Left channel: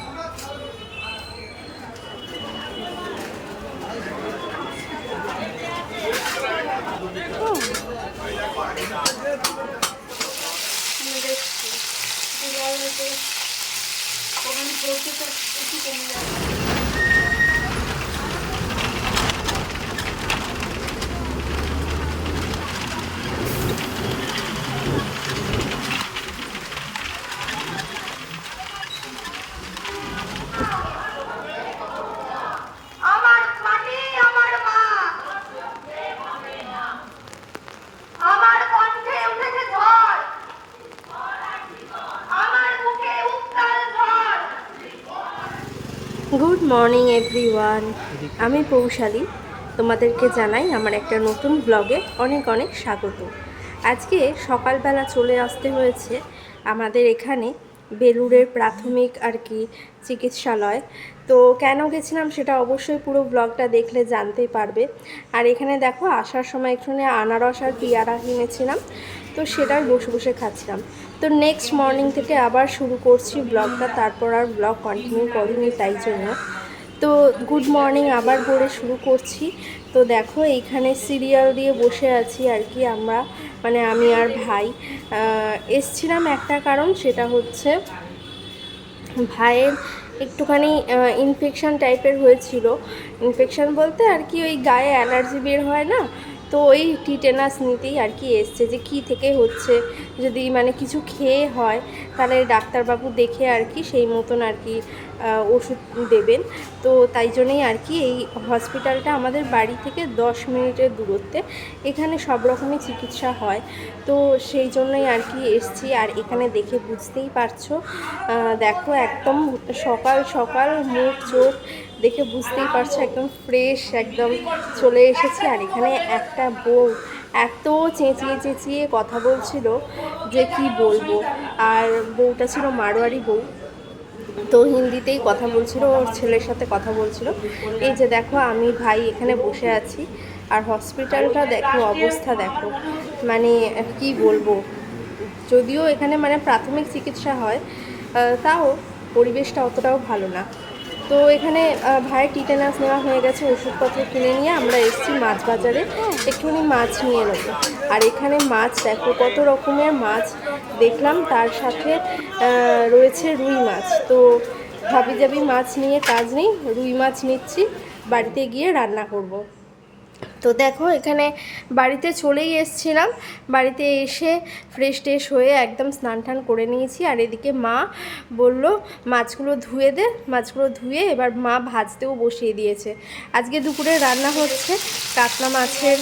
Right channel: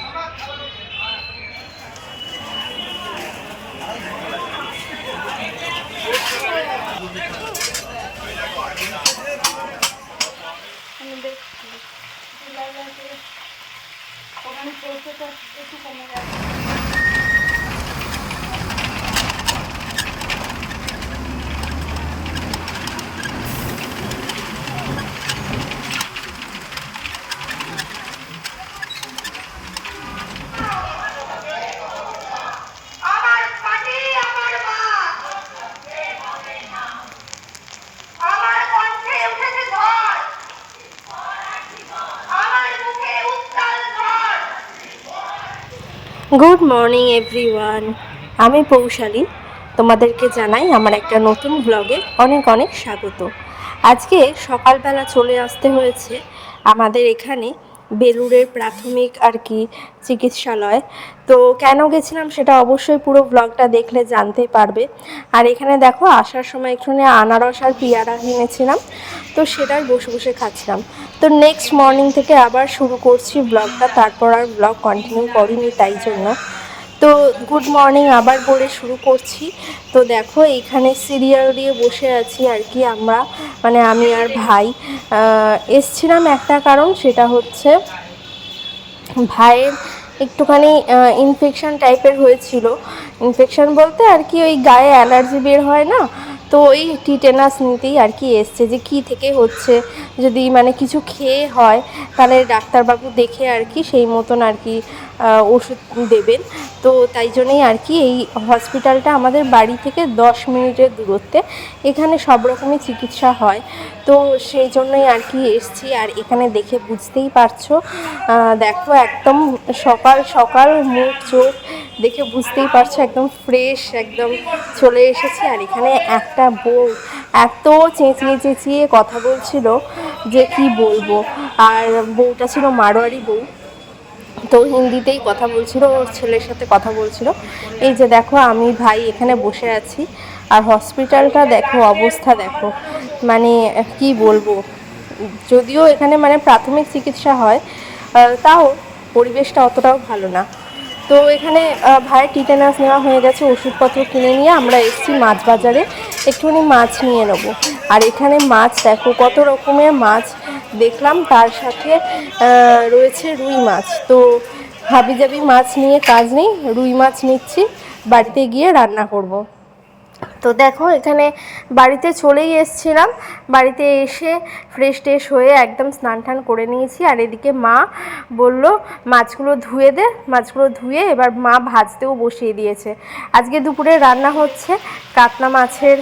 আমাদের morning everyone আমি পৌশালী। তোমাদেরকে জানাই আমার একটা নতুন ব্লগে অনেক অনেক স্বাগত। আজকে সকালবেলা চলে আসতে হয়েছে আমাদের এখানে বেলুড়ের প্রাথমিক আর কি চিকিৎসালয়। তো কেন গেছিলাম সেটা অবশ্যই পুরো ব্লগটা দেখলে জানতে পারবে। আর এখানে দেখো, আসার সময় একটুখানি আনারস আর পিয়ারা কিনেছিলাম তো সেটাই বসে বসে খাচ্ছিলাম। তো নেক্সট মর্নিং থেকে আবার শুরু করছি ব্লগটা তারপর আর ব্লগ কন্টিনিউ করিনি, তাই জন্য। তো গুড মর্নিং আবার বলে শুরু করছি। তো দেখো, এইখানে সিরিয়াল দিয়ে বসে আছি আর কি আমরা। মানে আমি আর ভাই। এসছিলাম একটা কারণ, সেটা হচ্ছে ভাইয়ের একটুখানি ইনফেকশন টাইপের হয়েছিল। ইনফেকশন বলতে আর কি ওই গায়ে অ্যালার্জি বের হয় না? তো ওই টিটেনাস নিতেই আর কি এসছে যে কি থেকে হচ্ছে। যদি মানে কিছু খেয়ে হয়, তাহলে ডাক্তারবাবু দেখে আর কি সেই মতন আর কি ওষুধ দেবেন। তো তাই জন্যই আর কি এই হসপিটালটা আমাদের বাড়ি থেকে দশ মিনিটের দূরত্বে। এখানে সব রকমই চিকিৎসা হয়। তো সেই জন্যই আর কি এসছি। আর এখানে দেখে বুঝতেই পারছ দেখো একদম সকাল সকাল মুখ, চোখ দেখে বুঝতেই পারছ, একদম ফ্রেশ একদম চলে এসেছি। আর এখানে একটা বউ এত চেঁচিয়ে চেঁচিয়ে কথা বলছিল যে কি বলব? আর বউটা ছিল মারোয়ারি বউ। তো হিন্দিতেই কথা বলছিল, ওর ছেলের সাথে কথা বলছিল। এই যে দেখো, আমি ভাই এখানে বসে আছি। আর হসপিটালটা দেখো, অবস্থা দেখো। মানে কি বলব? যদিও এখানে মানে প্রাথমিক চিকিৎসা হয় তাও পরিবেশটা অতটাও ভালো না। তো এখানে ভাইয়ের টিটেনাস নেওয়া হয়ে গেছে, ওষুধপত্র কিনে নিয়ে আমরা এসেছি মাছ বাজারে। একটুখানি মাছ নিয়ে নেব। আর এখানে মাছ দেখো, কত রকমের মাছ। দেখলাম, তার সাথে রয়েছে রুই মাছ তো হাবিজাবি মাছ নিয়ে কাজ নেই, রুই মাছ নিচ্ছি, বাড়িতে গিয়ে রান্না করব। তো দেখো, এখানে বাড়িতে চলেই এসছিলাম। বাড়িতে এসে ফ্রেশ ট্রেশ হয়ে একদম স্নান টান করে নিয়েছি। আর এদিকে মা বলল, মাছগুলো ধুয়ে দে। মাছগুলো ধুয়ে এবার মা ভাজতেও বসিয়ে দিয়েছে। আজকে দুপুরে রান্না হচ্ছে কাতলা মাছের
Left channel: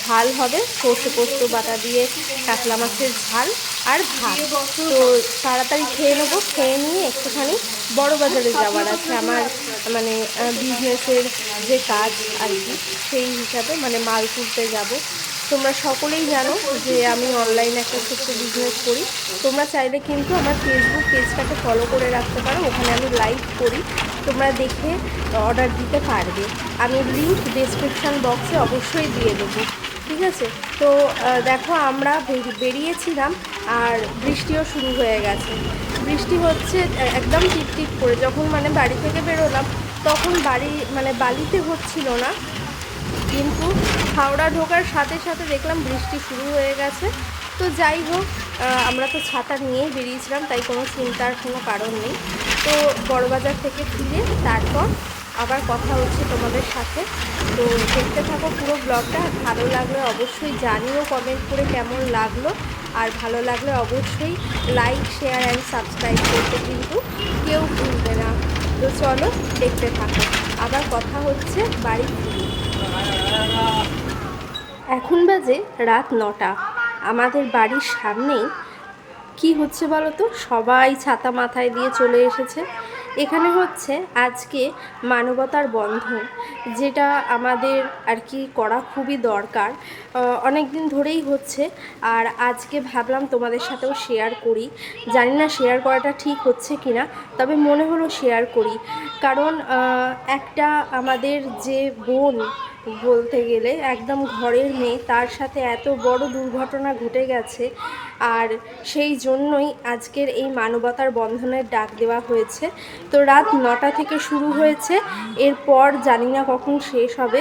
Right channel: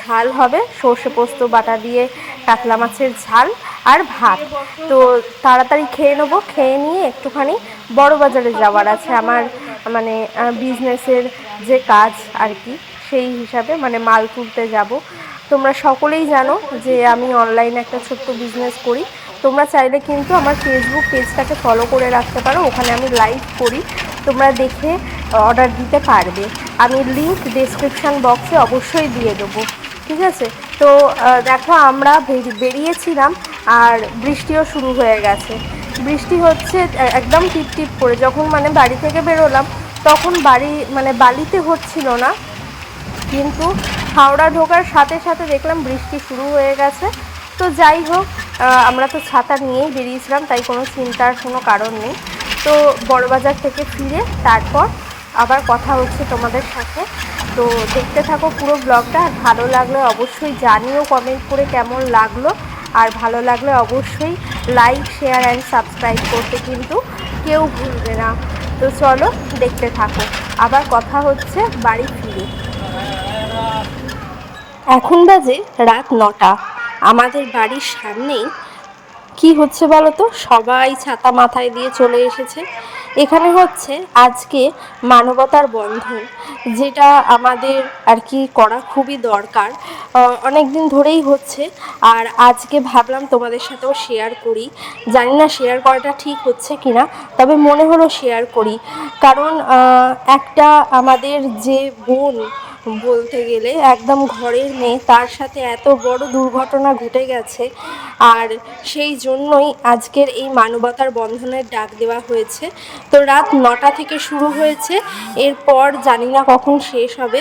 ঝাল হবে। সর্ষে পোস্ত, বাটা দিয়ে কাতলা মাছের ঝাল আর ভাত। তো তাড়াতাড়ি খেয়ে নেব। খেয়ে নিয়ে একটুখানি বড় বাজারে যাওয়ার আছে। আমার মানে বিজনেসের যে কাজ আর কি। সেই হিসাবে মানে মাল তুলতে যাব। তোমরা সকলেই জানো যে আমি অনলাইনে একটা ছোট্ট বিজনেস করি। তোমরা চাইলে কিন্তু আমার ফেসবুক পেজটাকে ফলো করে রাখতে পারো। ওখানে আমি লাইভ করি। তোমরা দেখে অর্ডার দিতে পারবে। আমি লিংক ডেসক্রিপশান বক্সে অবশ্যই দিয়ে দেবো। ঠিক আছে? তো দেখো আমরা বেরিয়েছিলাম আর বৃষ্টিও শুরু হয়ে গেছে। বৃষ্টি হচ্ছে একদম টিপ টিপ করে। যখন মানে বাড়ি থেকে বেরোলাম, তখন বাড়ি মানে বালিতে হচ্ছিল না। কিন্তু হাওড়া ঢোকার সাথে সাথে দেখলাম বৃষ্টি শুরু হয়ে গেছে। তো যাই হোক আমরা তো ছাতা নিয়েই বেরিয়েছিলাম, তাই কোনো চিন্তার কোনো কারণ নেই। তো বড়বাজার থেকে ফিরে তারপর আবার কথা হচ্ছে তোমাদের সাথে। তো দেখতে থাকো পুরো ব্লগটা, আর ভালো লাগলে অবশ্যই জানিও কমেন্ট করে কেমন লাগল। আর ভালো লাগলে অবশ্যই লাইক শেয়ার অ্যান্ড সাবস্ক্রাইব করতে কিন্তু কেউ ভুলবে না। তো চলো দেখতে থাকো। আবার কথা হচ্ছে বাড়ি ফিরে। এখন বাজে রাত নটা। আমাদের বাড়ির সামনেই, কি হচ্ছে বলো তো সবাই ছাতা মাথায় দিয়ে চলে এসেছে। এখানে হচ্ছে আজকে মানবতার বন্ধন, যেটা আমাদের আর কি করা খুবই দরকার। অনেক দিন ধরেই হচ্ছে, আর আজকে ভাবলাম তোমাদের সাথেও শেয়ার করি। জানি না শেয়ার করাটা ঠিক হচ্ছে কি না তবে মনে হলো শেয়ার করি। কারণ একটা আমাদের যে বোন বলতে গেলে একদম ঘরের মেয়ে, তার সাথে এত বড় দুর্ঘটনা ঘটে গেছে। আর সেই জন্যই আজকের এই মানবতার বন্ধনের ডাক দেওয়া হয়েছে। তো রাত নটা থেকে শুরু হয়েছে, এরপর জানি না কখন শেষ হবে,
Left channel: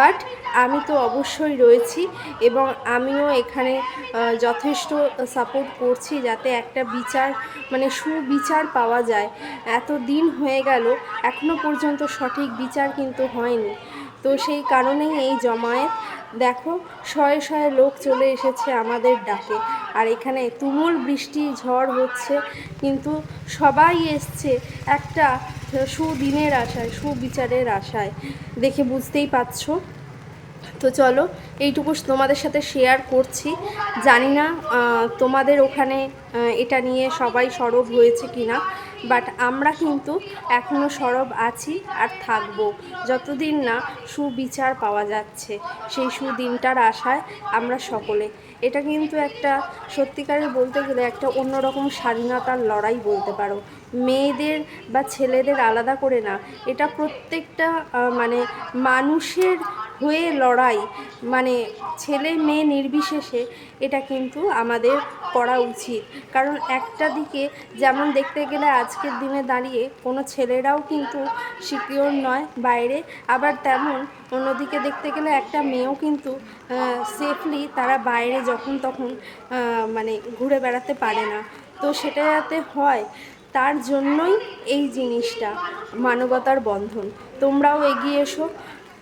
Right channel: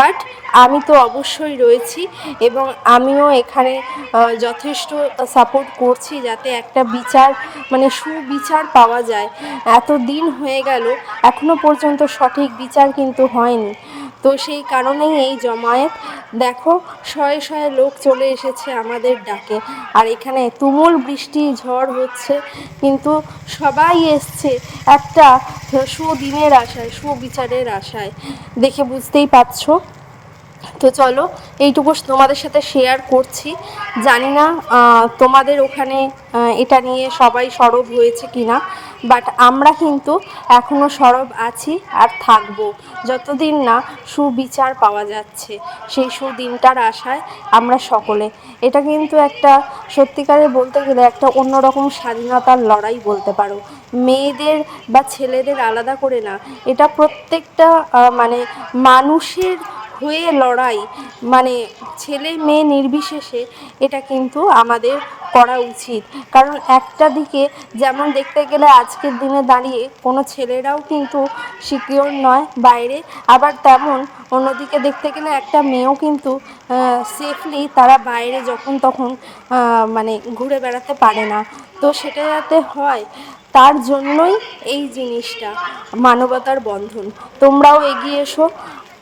বাট আমি তো অবশ্যই রয়েছি এবং আমিও এখানে যথেষ্ট সাপোর্ট করছি যাতে একটা বিচার মানে সুবিচার পাওয়া যায়। এত দিন হয়ে গেল এখনও পর্যন্ত সঠিক বিচার কিন্তু হয়নি। তো সেই কারণেই এই জমায়েত, দেখো, শয়ে শয়ে লোক চলে এসেছে আমাদের ডাকে। আর এখানে তুমুল বৃষ্টি, ঝড় হচ্ছে, কিন্তু সবাই এসছে একটা সুদিনের আশায়, সুবিচারের আশায়। দেখে বুঝতেই পারছ? তো চলো, এইটুকু তোমাদের সাথে শেয়ার করছি। জানি না তোমাদের ওখানে এটা নিয়ে সবাই সরব হয়েছে কিনা। বাট আমরা কিন্তু এখনও সরব আছি আর থাকব। যতদিন না সুবিচার পাওয়া যাচ্ছে, সেই সুদিনটার আশায় আমরা সকলে। এটা কিন্তু একটা, সত্যিকারে বলতে গেলে একটা অন্যরকম স্বাধীনতার লড়াই বলতে পারো। মেয়েদের বা ছেলেদের আলাদা করে না। এটা প্রত্যেকটা মানে মানুষের হয়ে লড়াই মানে ছেলে মেয়ে নির্বিশেষে এটা কিন্তু আমাদের করা উচিত। কারণ একটা দিকে যেমন দেখতে গেলে আজকের দিনে দাঁড়িয়ে কোনো ছেলেরাও কিন্তু সিকিওর নয় বাইরে, আবার তেমন অন্যদিকে দেখতে গেলে একটা মেয়েও কিন্তু সেফলি তারা বাইরে যখন তখন মানে ঘুরে বেড়াতে পারে না। তো সেটা যাতে হয়, তার জন্যই এই জিনিসটা, মানবতার বন্ধন। তোমরাও এগিয়ে এসো।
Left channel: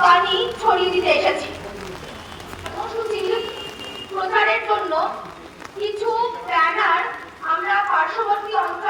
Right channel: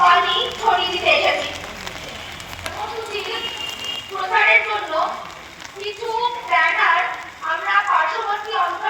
বাণী ছড়িয়ে দিতে এসেছি। প্রচারের জন্য কিছু ব্যানার আমরা পার্শ্ববর্তী অঞ্চল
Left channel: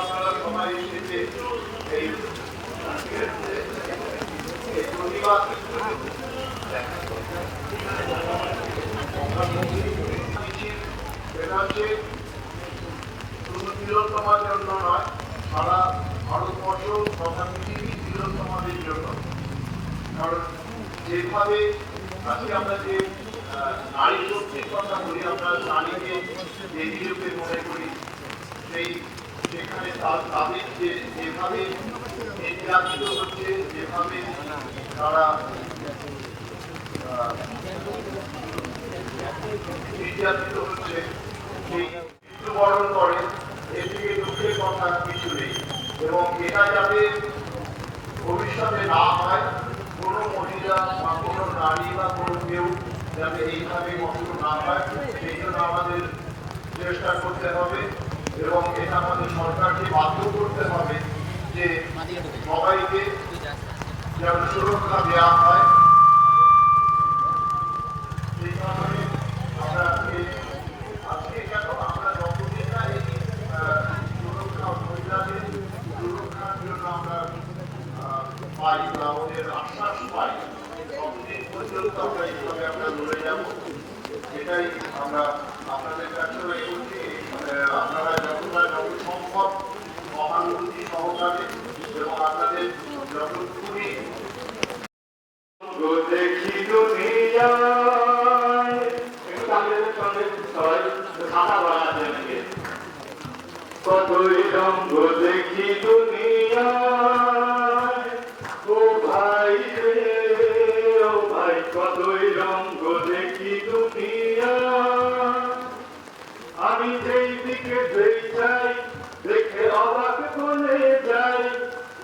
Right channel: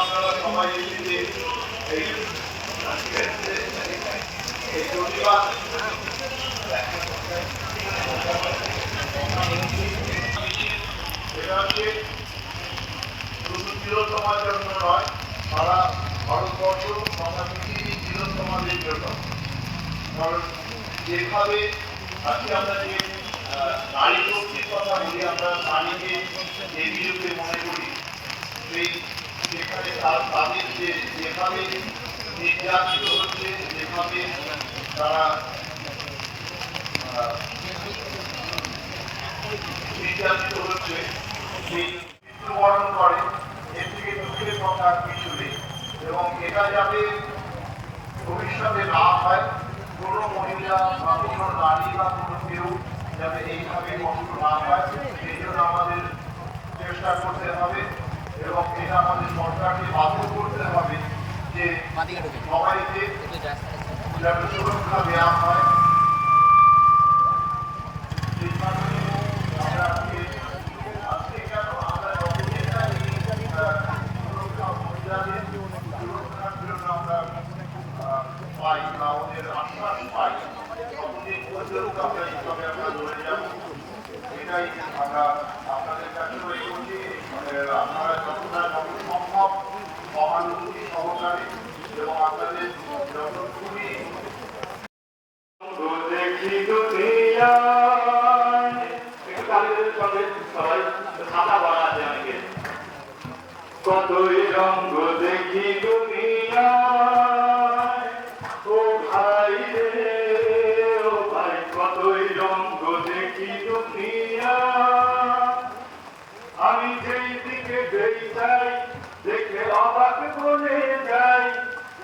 আপনারা সবাই এসেছে এই এটা হচ্ছে শুধু তিলোত্তমার জন্য নয় সারা ভারতবর্ষ তথা পৃথিবী তিলোত্তমাদের জন্য কারণ যেভাবে আজকে আমরা যে নারী কথা বলি আমরা নারীকে দেবী রূপে মনে করি সেই যেখানে তাদের যে যেভাবে নির্যাতিত হচ্ছে যেভাবে তারা নির্যাতিত হচ্ছে মৃত্যুবরণ করে, এর থেকে দুঃখের কথা কিছু নেই। এবং এটা যাতে ভবিষ্যতে না হয়, কোনো মহিলা বা কোনো নারী বা কোনো কেউ যাতে এইভাবে কষ্ট না হয়, সেই জন্য আমাদের চেষ্টা করতে হবে। এবং এটা আমাদের সরকারকে বাধ্য করতে হবে যে সবাইকে যাতে সুরক্ষা দেওয়া হয় আমরা মহিলাদের জন্য আমরা পাই ওদের আমরা এইভাবে আমরা যাব। এটাই আমরা আপনাদের মানে আপনারা যতটা যত সম্ভব সহানুভূতি সহকারে এবং আপনাদের যতটুকুনি দেখি রঙ্গ দেখি দুনিয়ায় ও ভাই রে ও ভাই কতই রঙ্গ দেখি দুনিয়ায় আমি যেই দিকে যেই চাই দেখে অবাক বলে যাই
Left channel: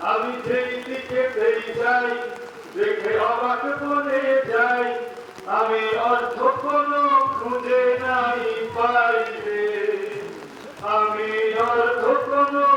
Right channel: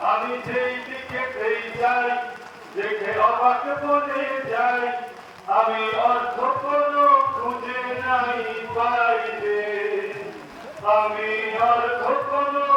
আমি যেই দিকে যেই যাই দেখে অবাক বলে যাই আমি অর্থ কোনো খুঁজে নাই পাইলে। আমি অর্থ কোনো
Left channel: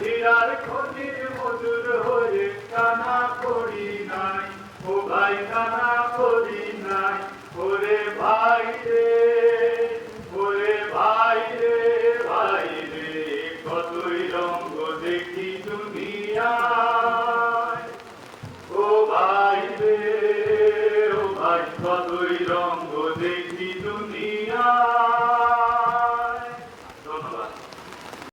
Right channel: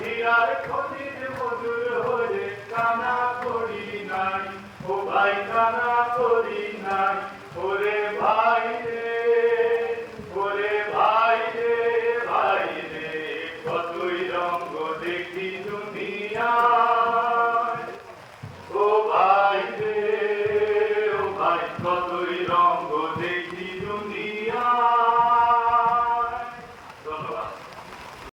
বিরাট ক্ষতির মজুর হয়ে কানা করি নাই, ও ভাই কানা করি নাই, ওরে ভাই রে।